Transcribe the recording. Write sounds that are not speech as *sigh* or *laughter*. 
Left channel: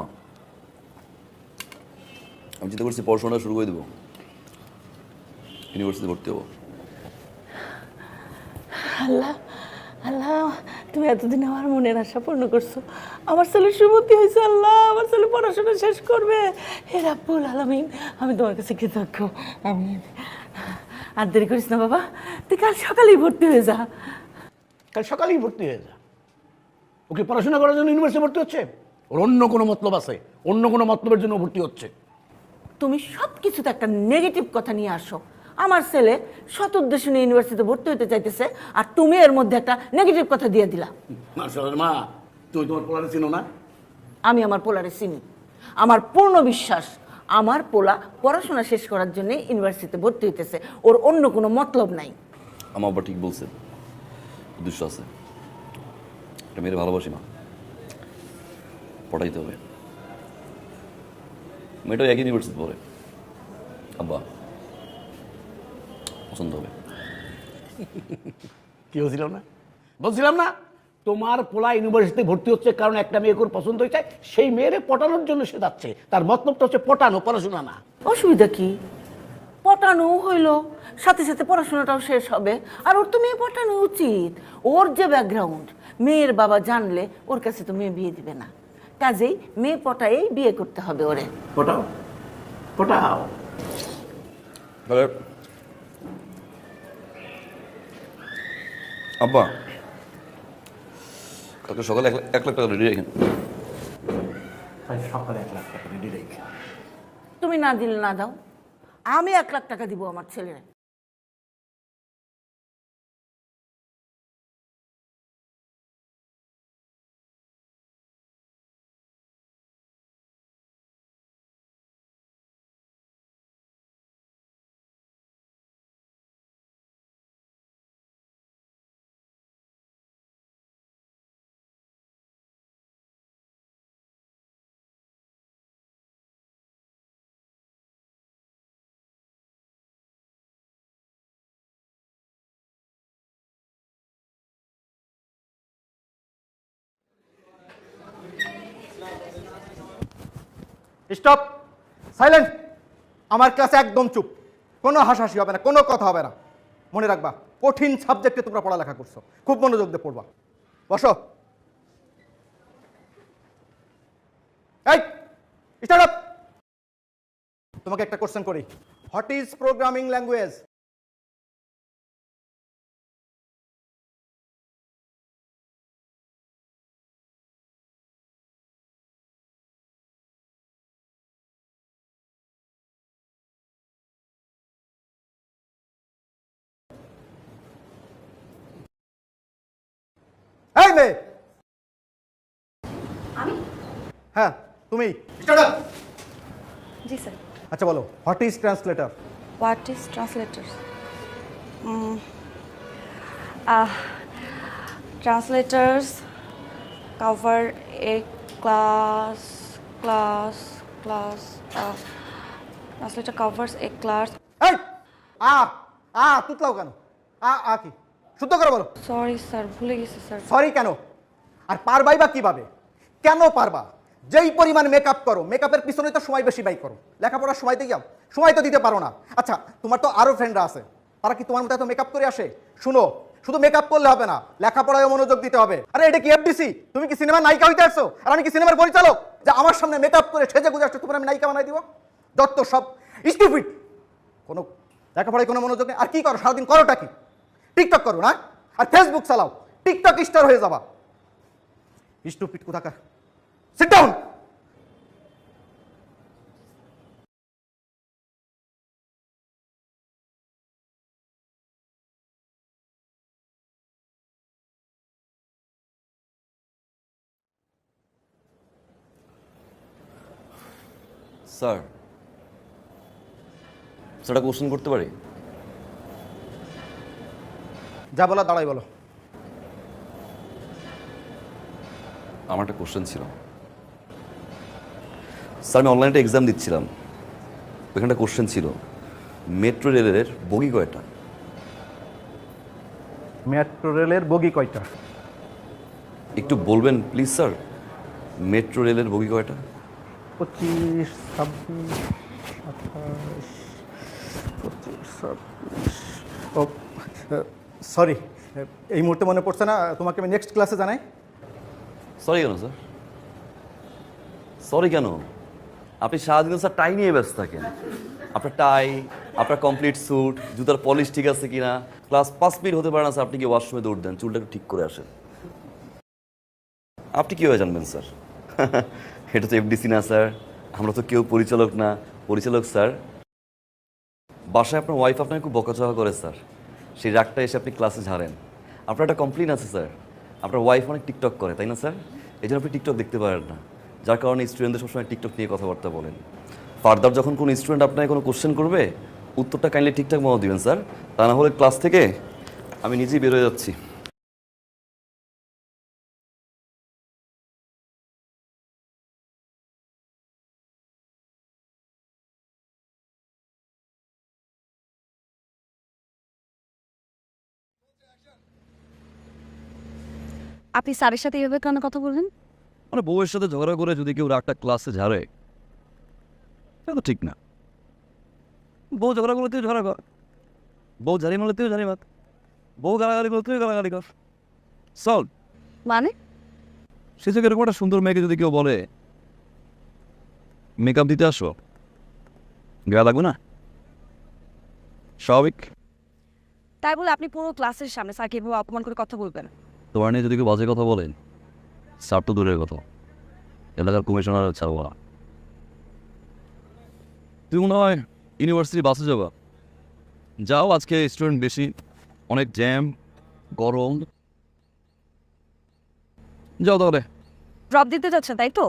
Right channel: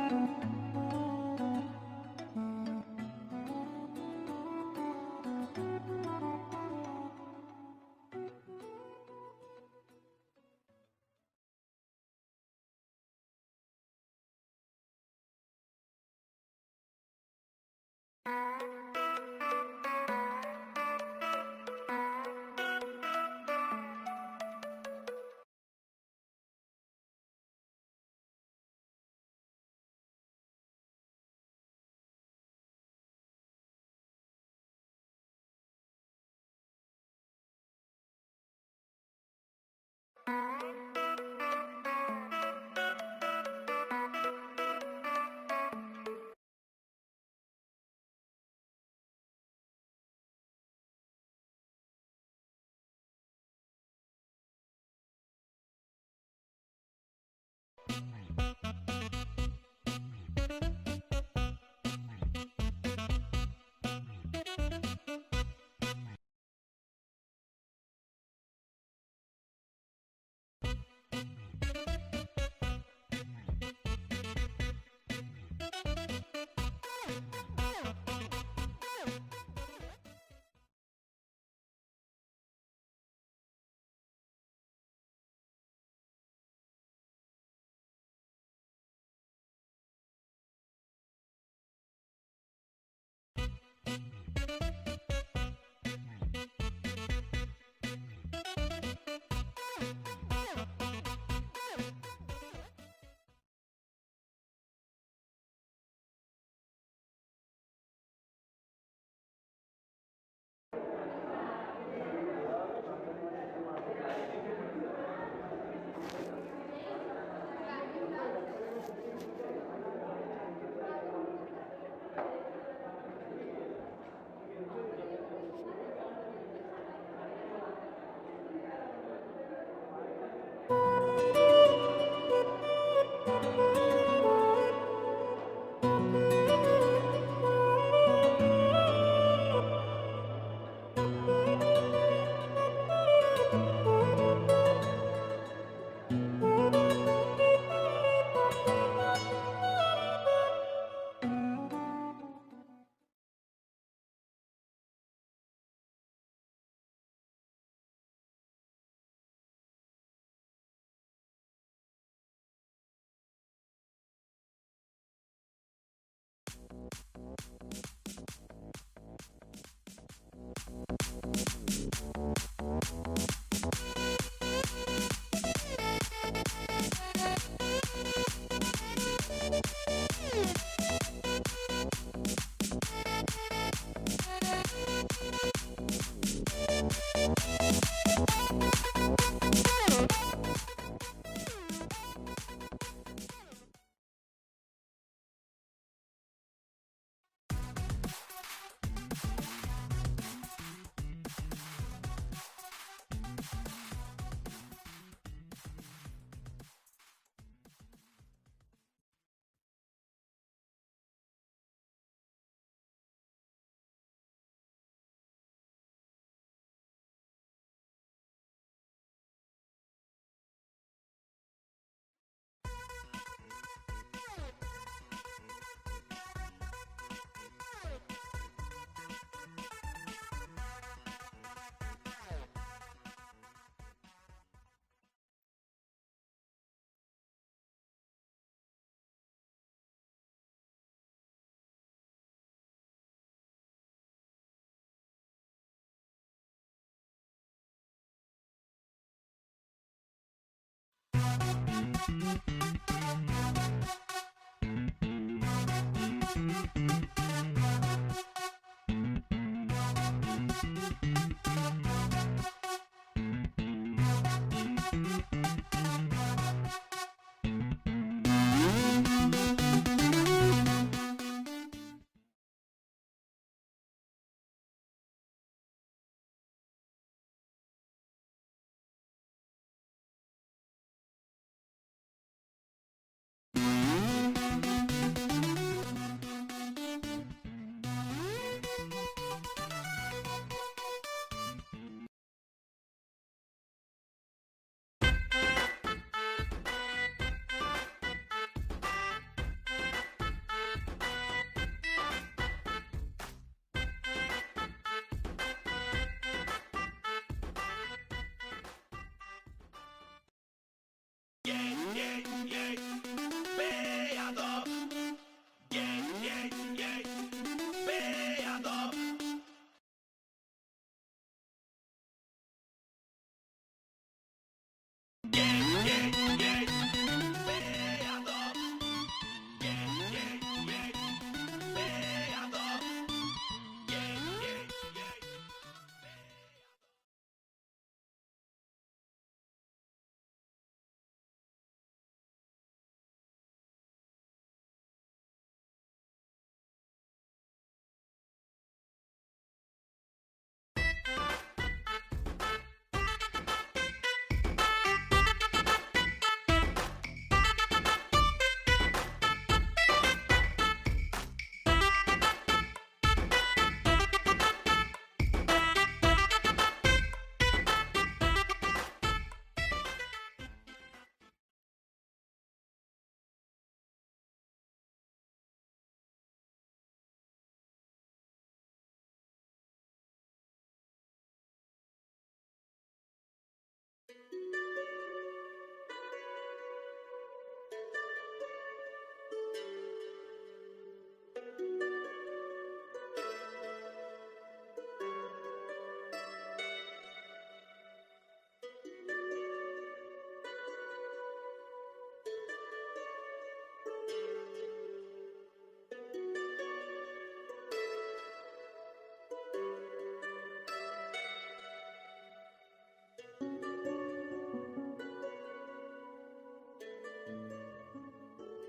আম্মা আমি চিন্তা করছি পড়াশোনা শুরু করে দেবো। ইউনিভার্সিটি ভর্তি হব। আল্লাহ আল্লাহ তুমি এতদিন আমার মনের আশা পূর্ণ করছ। আমার ছেলে সুমতি হয়েছে আল্লাহ আমার ছেলে পড়াশোনা শেষ করবে। হে রাব্বুল আলামিন আমি তোমার কাছে কৃতজ্ঞ। আমি আর দেরি করিস না বাবা। তুই কাল সকালেই ভর্তি হয়ে যা। কাল সকালেই ভর্তি হয়ে যা। ওকে পড়াশোনা করার জন্য ইউনিভার্সিটি ভর্তি হচ্ছে? ওর অন্য কোনো মতলব আছে অন্য কোনো মতলবের জন্য ভর্তি হচ্ছে। তুমি সব কিছুতে একটা নেগেটিভ কথা নিয়ে আসো। আমার ছেলে সৎ উদ্দেশ্য নিয়ে ইউনিভার্সিটিতে ভর্তি হতে চাইতেছে আর তুমি এর মধ্যে একটা নেগেটিভ কথা দিয়ে দিলা। মা তুমি তোমার পড়ার চিনো না? আমি আমার পোলারে চিনি। আমার পূর্ণ বিশ্বাস আমার পোলা পড়াশোনা শেষ করার জন্য ইউনিভার্সিটিতে ভর্তি হইতেছে ওর অন্য কোনো মতলব নাই। আমার ঠিক বলছে। উদ্দেশ্য আছে। এটা মেয়ের ভালোবাসি না পড়াইতে হবে। মেয়েটাও একই ইউনিভার্সিটি পড়ে। আব্বা পছন্দ হবে। কি হয়েছিলাম না? বলছিলাম না তোমার পোলা ইউনিভার্সিটিতে ভর্তি হচ্ছে কারণ একটা মেয়ে ওর পছন্দ হয়েছে সেই মেয়েরে পটানোর জন্য সে যাচ্ছে। তার মতলবটা হচ্ছে পটানো পড়াশোনা না। অসুবিধা কি? পটানো হইল সাথে সাথে পড়াশোনাটাও শেষ হবে। আর ওর তো মেয়ে পটানো উচিত। ওর যে ব্যাকগ্রাউন্ড মেয়ের বাবা জানলে ওর কাছে তো মেয়ে বিয়ে দিবে না। কাজেই মেয়ে পটায়েই বিয়ে করতে হবে ওরে। পটাও? পটাও? আব্বা। কালকে সকালে এক লাখ- টাকা রেডি রেখেন সকালে এক লাখ টাকা রেডি রেখে তুমি না দিলে না দাও। আমি এক লাখ টাকা দিব আমার ছেলের। Stop, silent. আমার কাছে একদম চুপ। কোনো হাসাহাসি হবে না, কোনো কথা হবে না। মনে রাখবা, কঠিন সাবজেক্টে তোমরা পড়ালেখা করছ। খুব মনোযোগ দিয়ে পড়বা। বসো। এই স্টার্ট আপ তোমাকে একটা কোশ্চেন করি। হোয়াট ইজ প্রোগ্রামিং ল্যাঙ্গুয়েজ মেয়ে আমি? হ্যাঁ তুমি? স্টার্ট আপ জি স্যার। আচ্ছা বলো what is translator what is translator translators cover a class class class uh, translator covers a class এই আ আ তুতলাও কেন? আ আ কি? শুদ্ধ করে বলো। সরি স্যার ভুলে গেছি স্যার সরি কেন? আর পারবাই বা কীভাবে? কেন পারবা? যেই পরিমাণ মেকআপ করো মেকআপের পিছনে তো সময় বেশি ব্যয় করো। লেখাপড়ার সময় দিয়ে যাও। সময় তো দিতে পারো না। আচ্ছা তোমার তো আরও ফ্রেন্ডরা আছে। তারা কি তোমার মতো এত মেকআপ করে আসে? শুনো শুধু মেকআপ করলে হবে না লেখাপড়ায় মনোযোগ দিতে হবে। আরে এটা কি এফডিসি তুমি কি সিনেমার নায়িকা হইতে আসছো? আর আমি কি সিনেমার পরিচালক? যে আমার সামনে মেকআপ করে সেজে গুজে আসছো তোমার আমি নায়িকা বানাই দিব? যত সব স্টুপিড কোনো লেখাপড়ায় কোনো মনোযোগ নেই। আর কি করো? সারাদিন করোটা কি? টিকটক করো, না? আর ফেসবুক চালাও। টিকটক স্টার হয়ে যাবা। স্টুপিড কোথাকার সিট ডাউন স্যার একটা কোশ্চেন করতে পারি? যা বলা দাঁড়াই বলো। আমার একটা কোশ্চেন ছিল। স্যার আমি অনলাইনে একটা এক্সাম দিচ্ছিলাম। ওইখানে একটা কোশ্চেন ছিল মেট্রো রেলের বগি কয়টা? মেট্রো রেলের বগি কয়টা? একটু বলবেন প্লিজ স্যার মেট্রো রেলের বগি কয়টা? পঁচিশ ছাব্বিশ সাতাশ পঁচিশ ছাব্বিশ ও সরি এই মুহূর্তে মনে পড়ছে না, তোমাকে আমি নেক্সট ক্লাসে জানাই। সরি কেন স্যার সরি কেন? আপনি সারাদিন স্যার টাই নিয়ে ব্যস্ত থাকেন। আপনার টাই আপনার কমপ্লিট স্যুট জুতার পলিশ ঠিক আছে কিনা? ক্লাস পাঁচ মিনিট হতে পারে না স্যার আপনি কি ওয়াশরুমে দৌড় দেন, চুলটা একটু ঠিক করে আসেন। আপনি কীভাবে জানবেন স্যার *laughs* এটা তো এফডিসি না স্যার আমরা তো কেউ পরিচালক না। পরিচালক স্যার বাসায় আপনার ওয়াইফ আপনাকে খুব বকাচকা করে স্যার সেই রাগটা এসে আপনি ক্লাসে ঝাড়েন। আপনার একটা কমপ্লেন আছে স্যার আপনার ওয়াইফ অনেক টিকটক করে, তাই না স্যার এই জন্য আপনি টিকটক দেখতে পারেন না। যার কারণে স্টুডেন্টদের সবসময় টিকটক নিয়ে কথাবার্তা বলেন। ফার্দার যখন কোনো স্টুডেন্ট আপনাকে কোনো কোশ্চেন করবে, উত্তরটা কাইন্ডলি ঠিকঠাক মতো দিবেন স্যার তা না হলে ক্লাস থেকে আমি নিজেই বেরোয় যাচ্ছি। আপনি স্যারের সাথে এভাবে কেন কথা বললেন? মানে বউয়ের সাথে ঝগড়া করে যদি কেউ রাগটা ক্লাসে ঝাড়ে এটা তো ঠিক না। বউ ঝগড়া করলে তুই ঝগড়া কর। বউ ঝাড়ি মারলে তুই ঝাড়ি মার। বউ গালাগালি করলে তুই গালাগালি কর। সল মানে? সে থেকে এরকম একটা সুন্দর মেয়েকে যদি কেউ বলে মেকআপ দিতে আসো। গায়ে লাগবে না? স্বাভাবিক। তাই বলে আপনি পুরো ক্লাসের সামনে স্যারকে এভাবে অপমান করে কথা বলবেন? তোমার নিয়ে যদি কেউ বাজে কথা বলেন স্যার তো দূরের কথা। এলাকার কমিশনার ছাড়বো না তুমি মনে হয় ইউনিভার্সিটি বাসে যাবা। যাও আজকে স্টুডেন্ট বেশি অনেক জ্যাম গরম। যাও তাহলে। ড্রপ দিতে যাচ্ছে তাই তো?